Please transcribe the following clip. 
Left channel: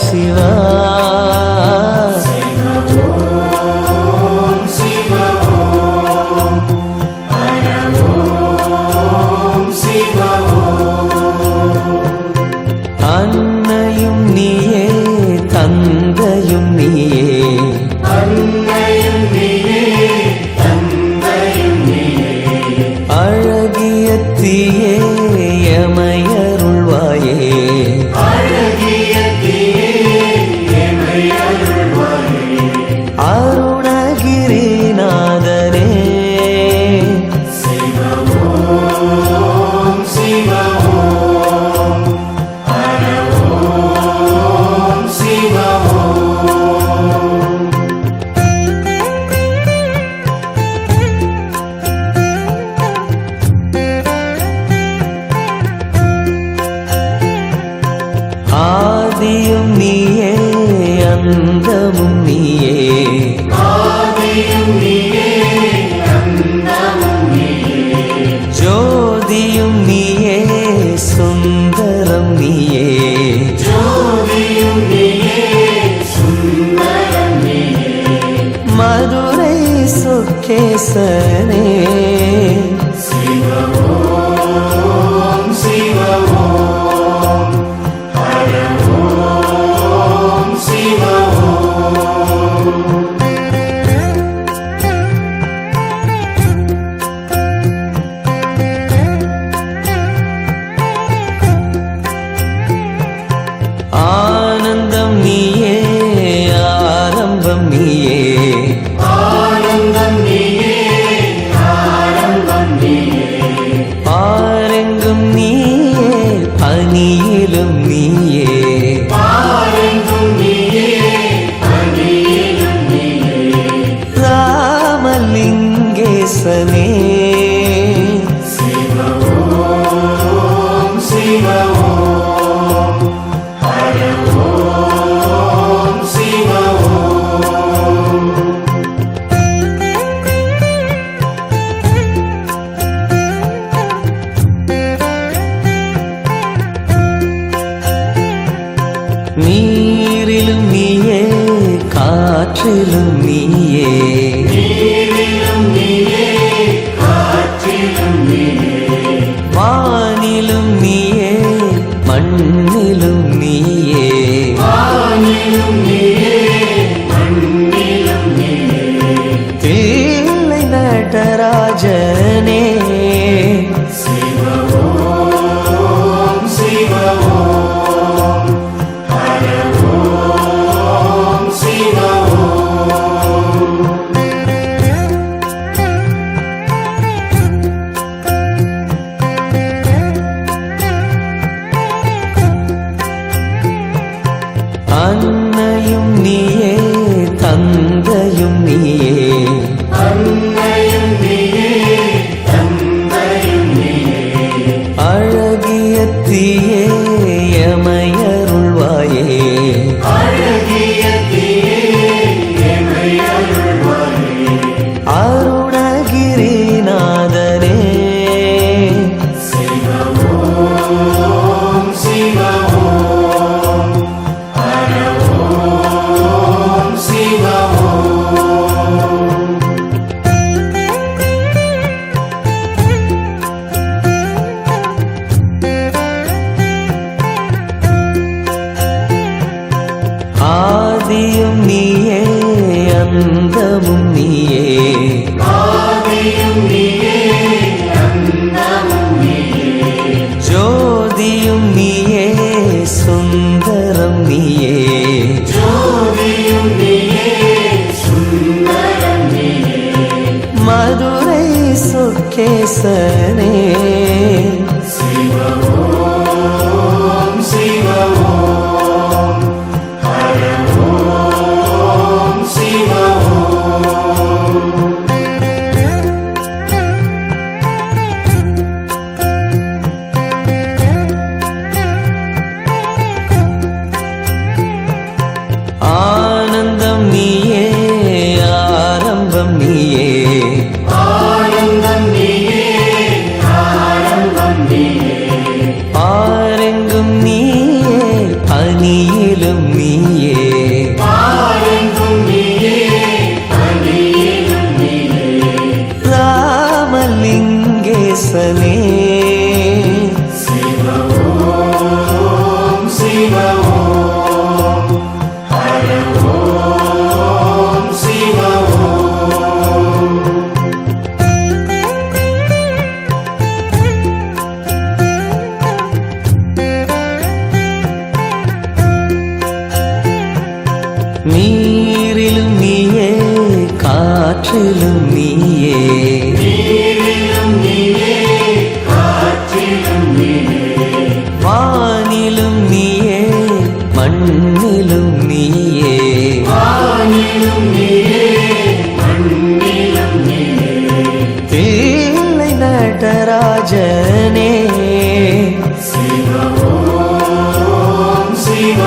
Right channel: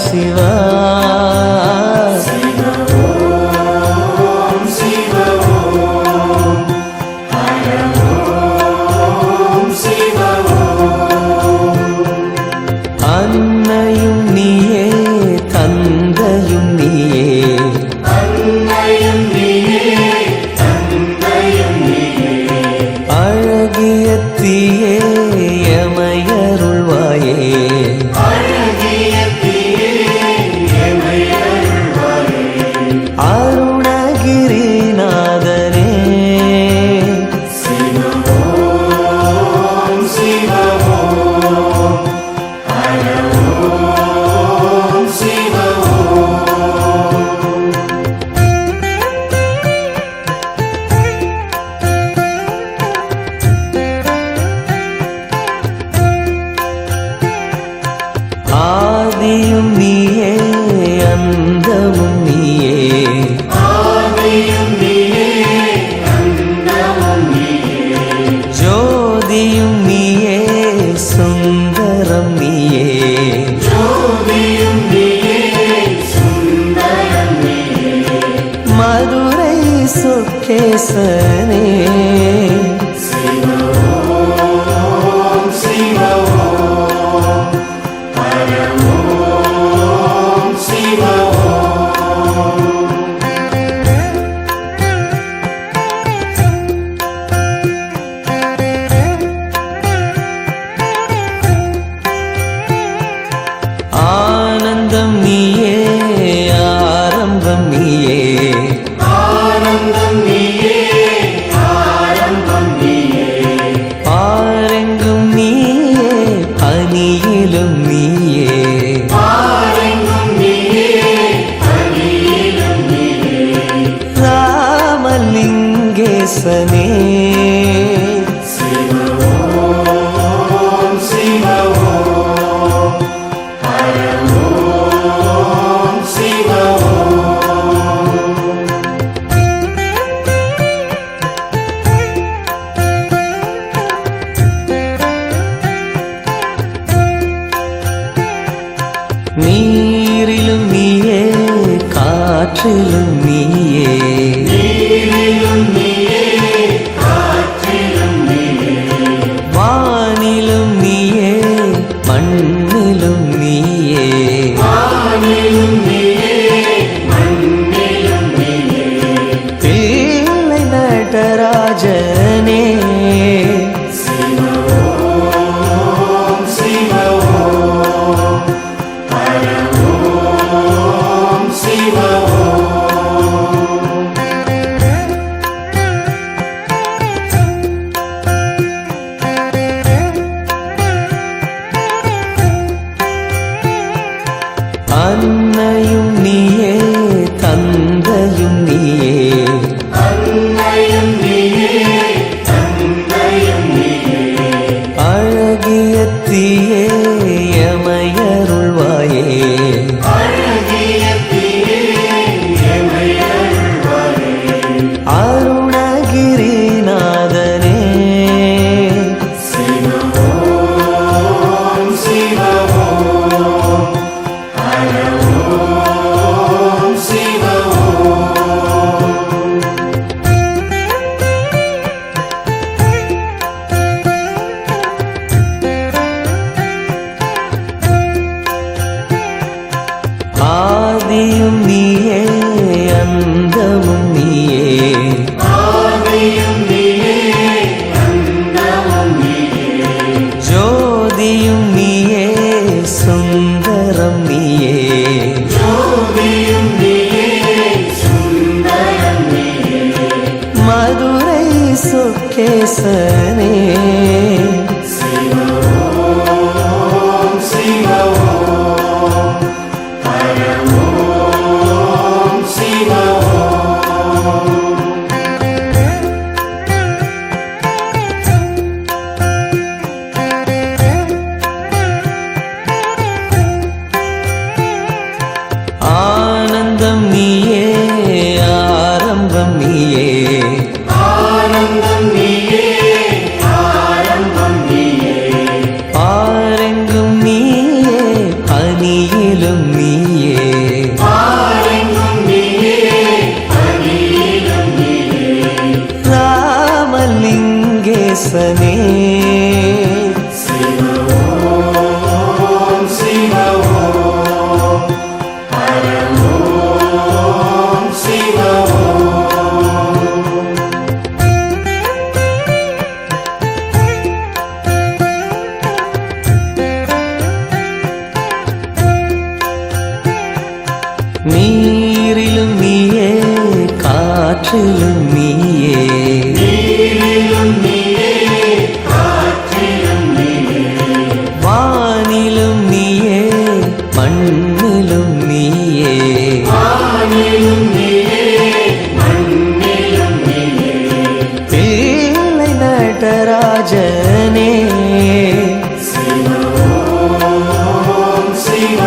சிவா அன்னையும் நீயே தந்தையும் நீயே அழகிய தீயே எமையருள்வாயே அருணகிரிநாதனே ஆதியும் நீயே அந்தமும் நீயே ஜோதியும் நீயே சுந்தரம் நீயே மதுரை சொக்கேசனே ஆனந்தம் நீயே ஆரம்பம் நீயே பாரெங்கும் நீயே பனியிலும் நீயே ராமலிங்கேசனே நீரிலும் நீயே காற்றிலும் நீயே வானிலும் நீயே மண்ணிலும் நீயே தில்லை நடராஜனே அன்னையும் நீயே தந்தையும் நீயே அழகிய தீயே எமையருள்வாயே அருணகிரிநாதனே ஆதியும் நீயே அந்தமும் நீயே ஜோதியும் நீயே சுந்தரம் நீயே மதுரை சொக்கேசனே ஆனந்தம் நீயே ஆரம்பம் நீயே பாரெங்கும் நீயே பனியிலும் நீ ராமலிங்கேசனே சிவ ஓம் சிவ ஓம் ஹர ஓம் சிவ ஓம். நீரிலும் நீயே காற்றிலும் நீயே நீரிலும் நீயே காற்றிலும் நீயே வானிலும் நீயே மண்ணிலும் நீயே வானிலும் நீயே மண்ணிலும் நீயே தில்லை நடராஜனே சிவ ஓம் சிவ